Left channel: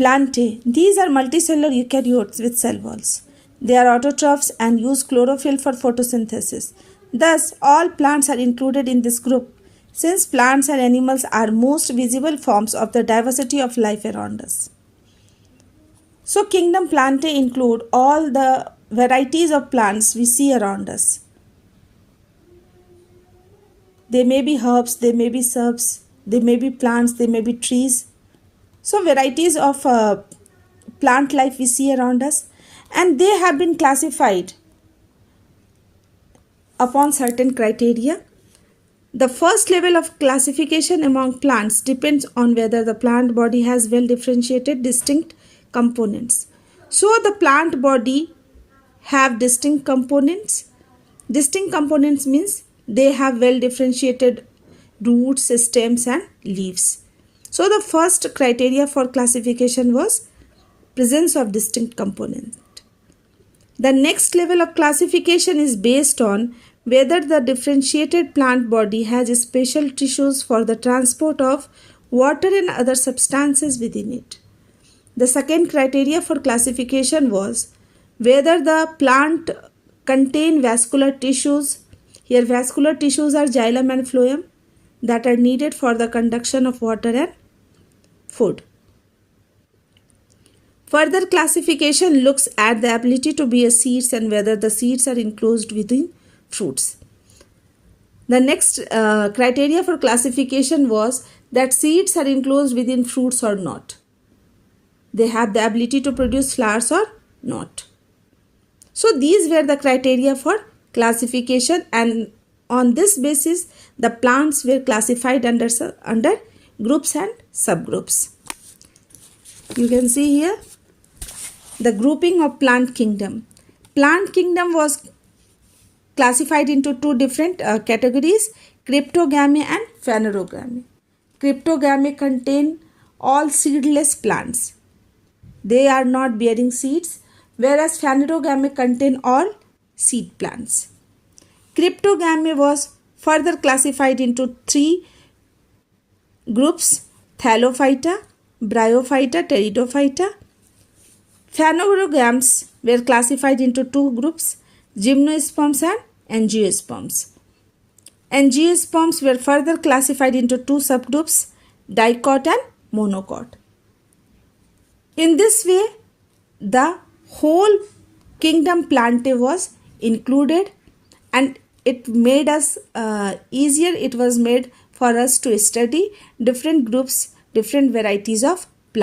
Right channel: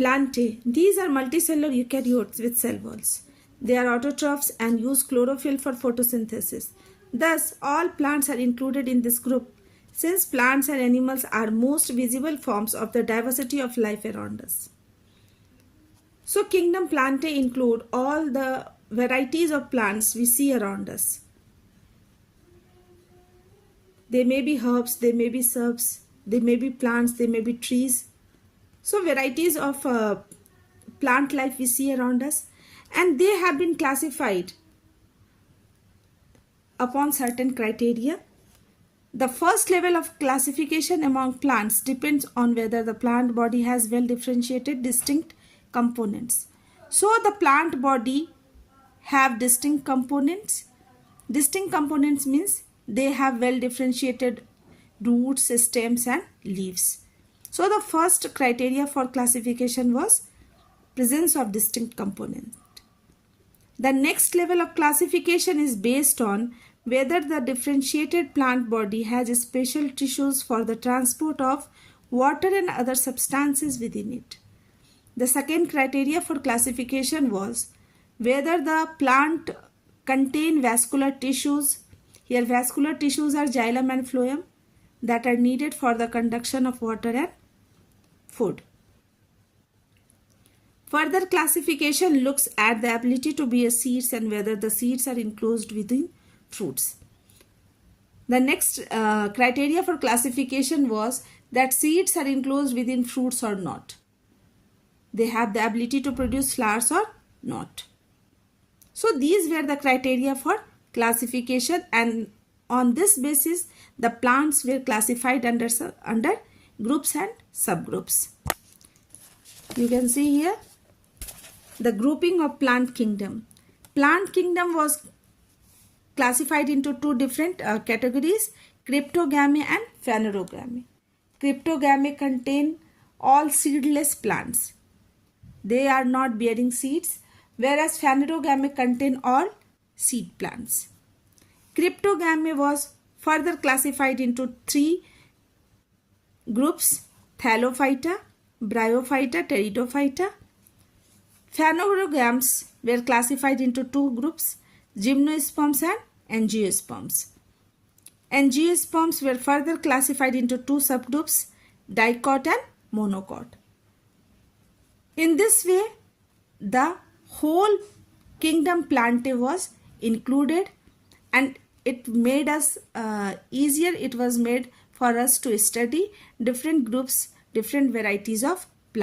Plantae. These are multicellular eukaryotes with cell walls. They are autotrophs and use chlorophyll for photosynthesis. Thus, all plants are included in this group, since plants and animals are most visible forms of the diversity of life around us. So, kingdom Plantae include all the varieties of plants we see around us. They may be herbs, they may be shrubs, they may be plants, they may be trees. So, varieties of plant life we see around us, and they have been classified upon certain criteria. The first level of classification among plants depends on whether the plant body has well differentiated distinct components. So the plant body have distinct components. Distinct components means they have well differentiated roots, stems and leaves. So the first criteria for classification was presence of distinct components. The next level of classification is based on whether the differentiated plant body has special tissues for the transport of water and other substances within it. The second criteria for classification was whether the plant contain vascular tissues. Here vascular tissues are xylem and phloem that are needed for the conduction of water and food. Further classification looks at the ability to bear seeds and whether the seeds are enclosed within fruits. The next criteria for classification was that seeds are enclosed within fruits or not. They have the ability to produce flowers or not. So these were the criteria for classification, and on this basis the plants were classified under groups and subgroups. You can see here the grouping of plant kingdom. Plant kingdom was classified into two different categories, cryptogamy and phanerogamy. Cryptogamy contain all seedless plants. They are not bearing seeds, whereas phanerogamy contain all seed plants. Cryptogamy was further classified into three groups, Thallophyta, Bryophyta, Pteridophyta. Phanerogams were classified into two groups, Gymnosperms and Angiosperms. Angiosperms were further classified into two subgroups, Dicot and Monocot. In this way, the whole kingdom Plantae was included, and it made us easier. It was made for us to study different groups, different varieties of